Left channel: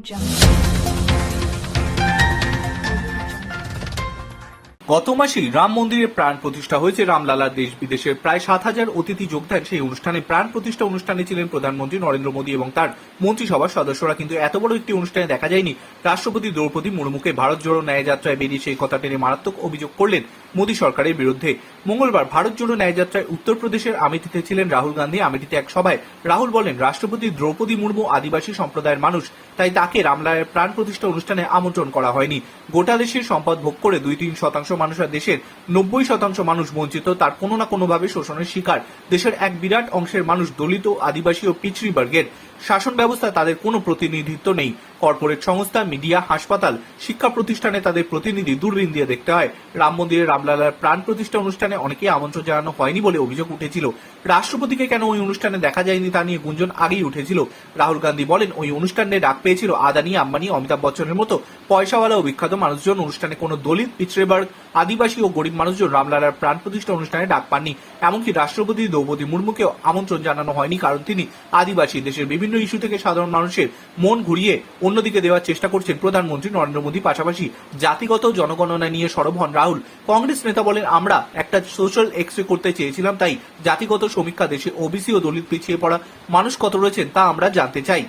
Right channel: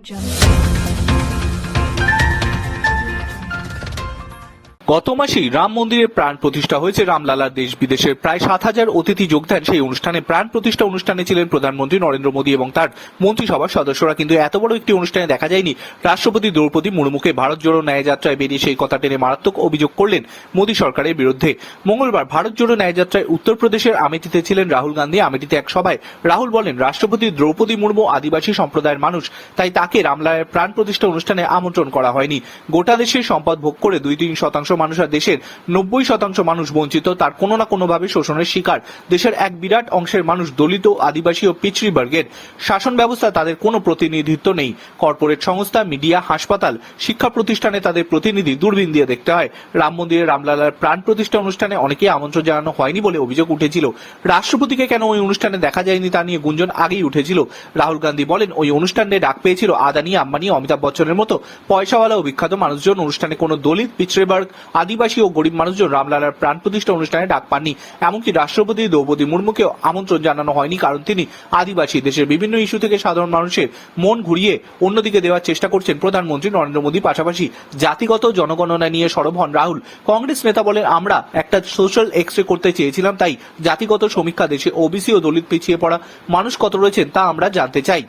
jump. গত মাসেই রাম মন্দিরের প্রাণ প্রতিষ্ঠা হয়েছে। রামলালা দেশ বিদেশের প্রায় সাত হাজার অতিথি যোগ দেন। সেই অনুষ্ঠানে প্রাণ প্রতিষ্ঠা অনুষ্ঠানে ছিলেন প্রধানমন্ত্রী নরেন্দ্র মোদী এবং তার মন্ত্রিসভার সদস্যরা। কিন্তু এত বড় একটি অনুষ্ঠানে দেখা যায়নি। রাষ্ট্রপতি দ্রৌপদী মুর্মুকে ভারত জোড়ো ন্যায় যাত্রায় বেরিয়ে সেই কথা টেনে মারাত্মক অভিযোগ করলেন মোদী সরকারের বিরুদ্ধে। মঙ্গলবার ভারত জোড়ো ন্যায় যাত্রায় উত্তরপ্রদেশের আমেঠিতে ছিলেন রাহুল গান্ধী। আমেঠিতে এক সভায় রাহুল বলেন, রাষ্ট্রপতি দ্রৌপদী মুর্মু আদিবাসী সম্প্রদায়ের মানুষ, তাই তাকে রামলালার প্রাণ প্রতিষ্ঠা অনুষ্ঠানে আমন্ত্রণ করা হয়নি। গোটা দেশের সম্পদ ভোগ করে দুই তিন শতাংশ মানুষ আর দেশের নব্বই শতাংশ মানুষ বঞ্চিত, তার কোনো না কোনোভাবে শোষণের শিকার। দেশের এক বিরাট অংশের মানুষ দলিত, আদিবাসী ও পিছড়ি বর্গের শাসন ব্যবস্থা তাদের কোনো প্রতিনিধিত্ব নেই। কর্পোরেট সংস্থা, মিডিয়া, হাসপাতাল, শিক্ষা প্রতিষ্ঠানে তাদের প্রতিনিধি দূরবীন দিয়ে দেখতে হয়। রাম মন্দিরে রামলালার প্রাণ প্রতিষ্ঠা অনুষ্ঠানে অনেকেই আমন্ত্রণ জানানো হয়নি বলে অভিযোগ উঠেছিল। রাষ্ট্রপতিকে কেন ওই অনুষ্ঠানে দেখা যায়নি তা নিয়ে গুঞ্জন আগেই উঠেছিল। রাহুল গান্ধী বলেন, ওই অনুষ্ঠানে ডাক পেয়েছিল আদানি, আম্বানি, অমিতাভ বচ্চনের মতো পয়সাওয়ালা ও বিখ্যাত মানুষজন। অনুষ্ঠানে কোনো দলিত পিছড়েবর্গ আদিবাসী ও গরিব মানুষজন রামলালার প্রাণ প্রতিষ্ঠা অনুষ্ঠানে ডাক পাননি। এমনকি রাষ্ট্রপতি দ্রৌপদী মুর্মুকেও আমন্ত্রণ জানানো হয়নি, কারণ তিনি আদিবাসী। দেশের বিভিন্ন ইস্যু থেকে সাধারণ মানুষের মন ঘুরিয়ে অন্যদিকে দেওয়ার চেষ্টা করছেন প্রধানমন্ত্রী নরেন্দ্র মোদী। পাশাপাশি জাতিগত জনগণনা নিয়ে সরব হন রাহুল। কংগ্রেস নেতা বলেন, আমরা একটা সোশ্যাল এক্সরে করতে চেয়েছিলাম, তাই জাতিগত সমীক্ষা দেশে ওবিসি ও দলিত পিছিয়ে পড়া মানুষ কত রয়েছেন তা আমরা জানতে চাই।